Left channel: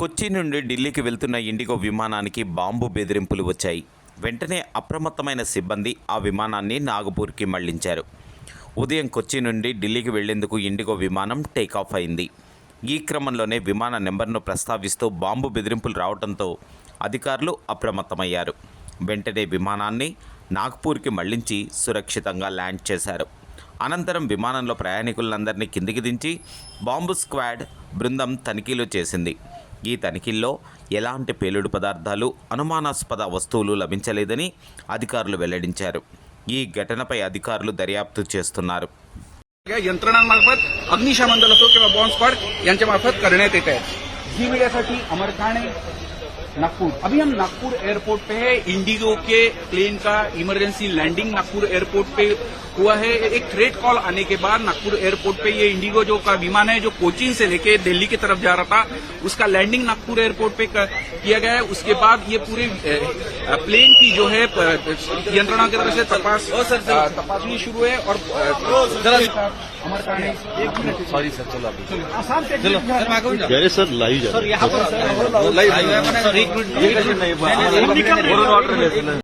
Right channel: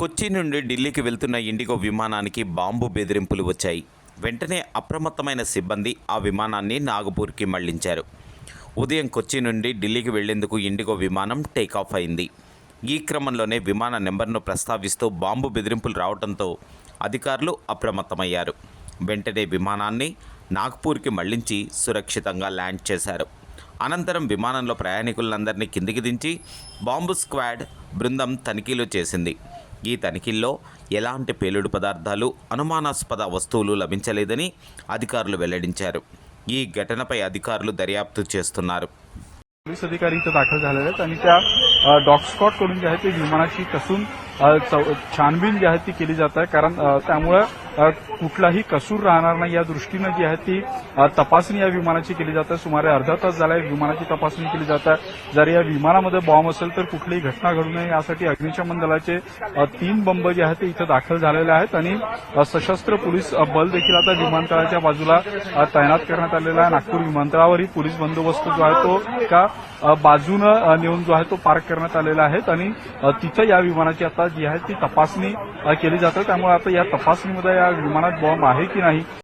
కొచ్చి నుండి ఢిల్లీకి వెళ్తున్న ఇండిగో విమానానికి బాంబు బెదిరింపులు వచ్చాయి. వెంటనే అప్రమత్తమైన సిబ్బంది ఆ విమానాన్ని నాగపూర్కి మళ్లించారు. ఉదయం కొచ్చి నుండి ఢిల్లీకి వెళ్లేందుకు ఇండిగో విమానం టేకాఫ్ అయింది. ఈ క్రమంలోనే విమాన నెంబర్ను ప్రస్తావిస్తూ బాంబు బెదిరింపులు రావడంతో అధికారులు అప్రమత్తమయ్యారు. వెంటనే విమానాన్ని నాగ్పూర్కి మళ్లించి సురక్షితంగా ల్యాండ్ చేశారు. అనంతరం విమానంలో ప్రయాణికులందరినీ కిందికి దించి బాంబు స్క్వాడ్ బృందం తనిఖీలు చేసింది. ఈ తనిఖీల్లో ఎలాంటి పేలుడు పదార్థాలు, అనుమానాస్పద వస్తువులు లభించలేదని అధికారులు వెల్లడించారు. ఈ ఘటనపై అధికారులు దర్యాప్తు చేస్తున్నారు. छानबीन जी आहे ती केली जात आहे, कारण त्यामुळे कुठलाही कसूर राहणार नाही या दृष्टीने जी आहे ती तपासणी या विमानाची केली जाते. सुमारे अर्धा तास झाला विमानाची तपासणी केली जात आहे. जर या विमानामध्ये बॉम्ब असेल तर कोचीन से लेके दिल्ली की तरफ जा रहा था, उसका लैंडिंग बॉम्ब जे आहे ते दाखल झालेले आहेत आणि सशस्त्र पोलीस बल देखील आता विमानतळाच्या बाजूला तैनात करण्यात आलेला आहे. विमानतळावरही पोलीस बंदोबस्त जो आहे तो एका बाजूनं नेऊन जो आहे तो पार्क करण्यात आलेला आहे आणि तिथं या विमानाची तपासणी केली जाते. त्यामुळे आता या तपासणी आहे की नाही